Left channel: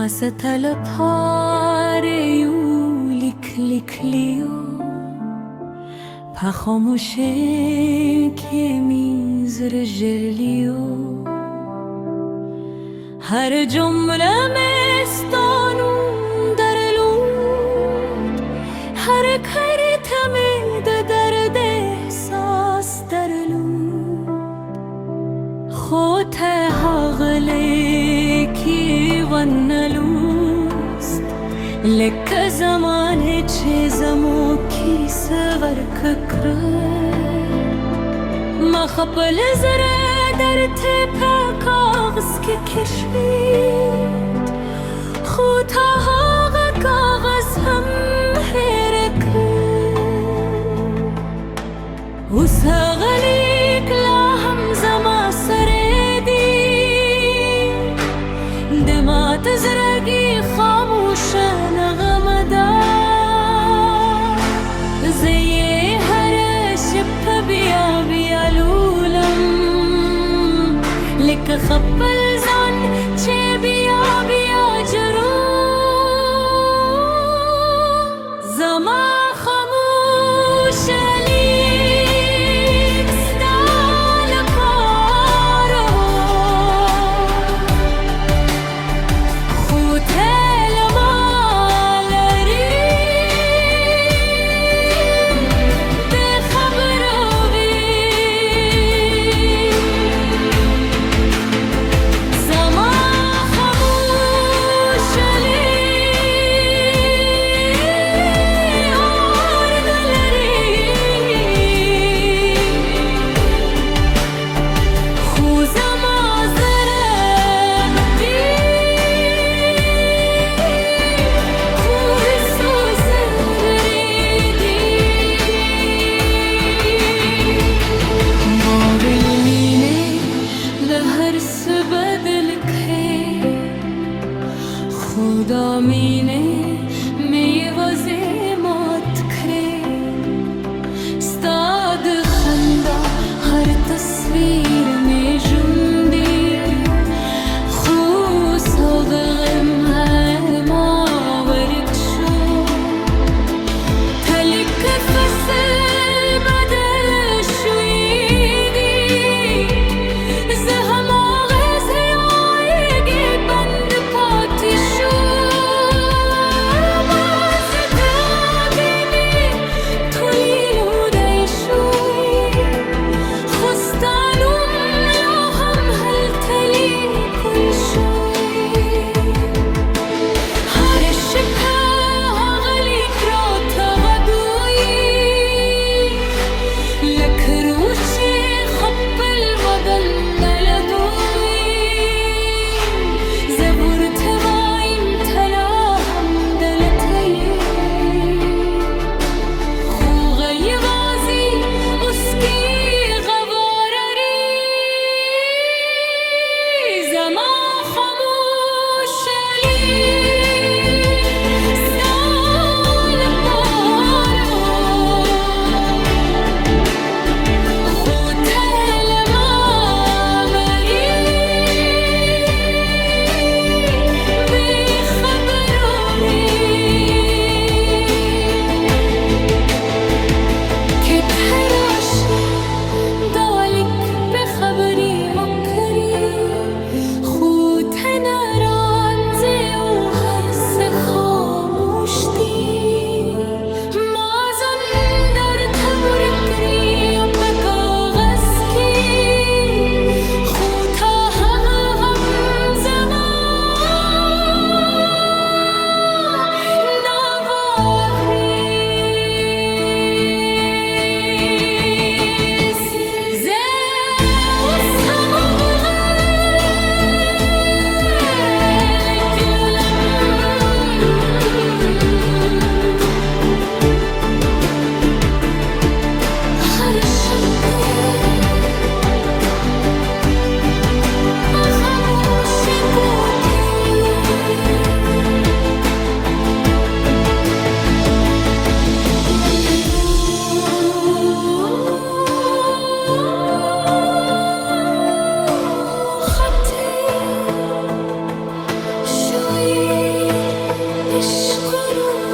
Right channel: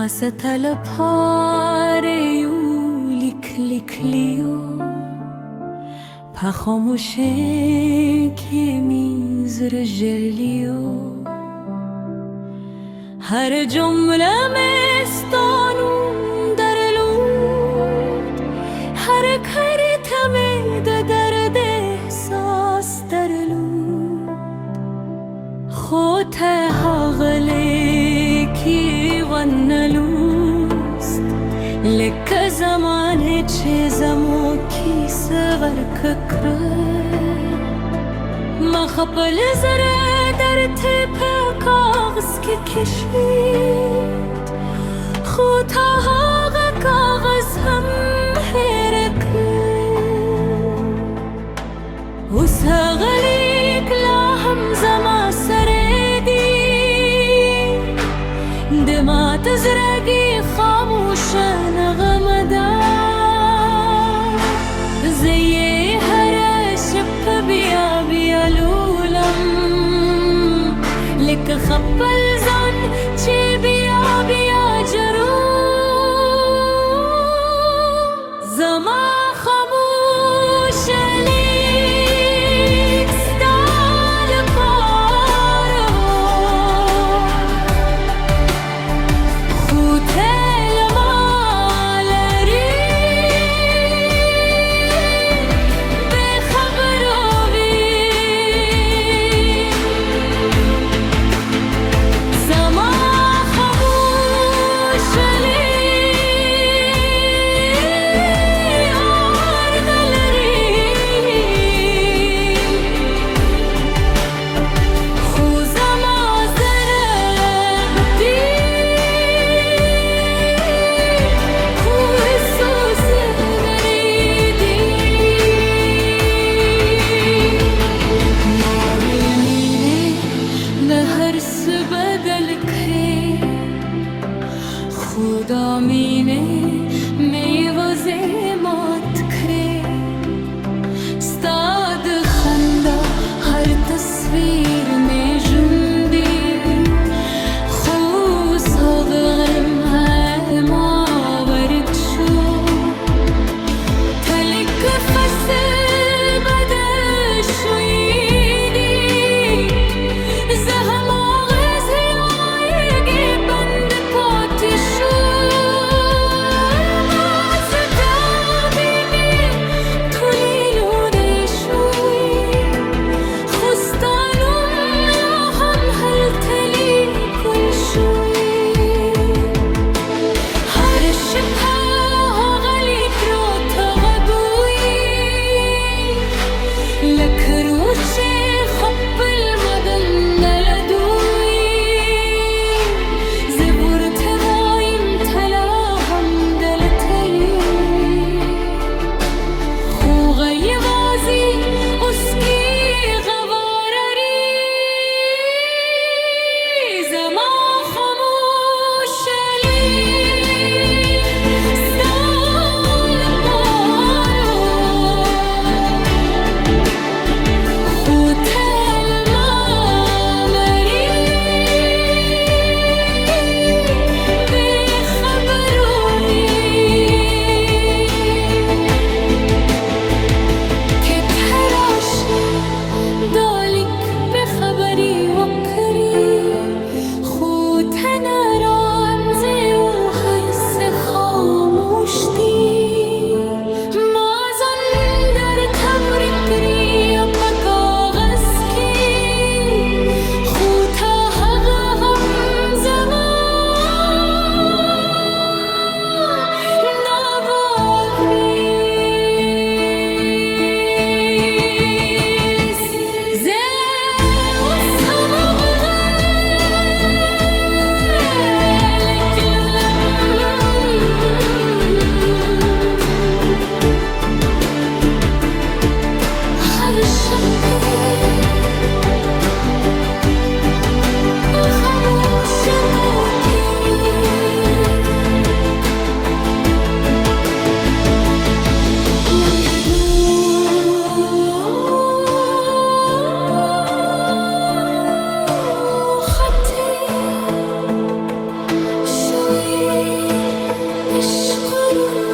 Masatala pareyu likliyo پخاموشه که میزر جلیو هر جمله مستانون در لود هر کریتم درد احساس در لود خود حقلی کی ونلوست لکه زمان چیزمو کی سور ککره ما خپل زره در تپ کاغذ که کشید خود هاغ کاغذ هم حرکه و ساغلیک لا هم زما سردی دمات زرگی خاموش نغمدار زی هر شب بیا بیالولم لک خپل زن چه بیا بیا جرو زما خاموش لیک ستال پارو خوتل مالری به خبروی زما خاموش لی آر نلری خو زما زرق بی خور سوز بریدی نابل مینه به هر سبدل که خدا مینه میوازه مات کره ستاد خندا هر تصویر می جندی خو صادقم ما ورد شو تلک فصل بده شویدی زهم آغاز یایگی بند پاتی شو باز دابینی تولیلو دیشوی خستانم لاهم هل تلی کل شوی هر شبه آغلی کرا تغگوی لکروچه خپل مدن نلدوی زبور توایم تلا هم دلتایی خوغی وازی اسکی غوارری زما خاموش لیک ستال پارو خوتل مامری به خبروری که تراشی دالک به خبری و کری خود نرانزه و هر سه خاموشتی مازن در تور کری و بکاغذ کی خود هم نوابریز زوس هم بغل کلولم عشق رو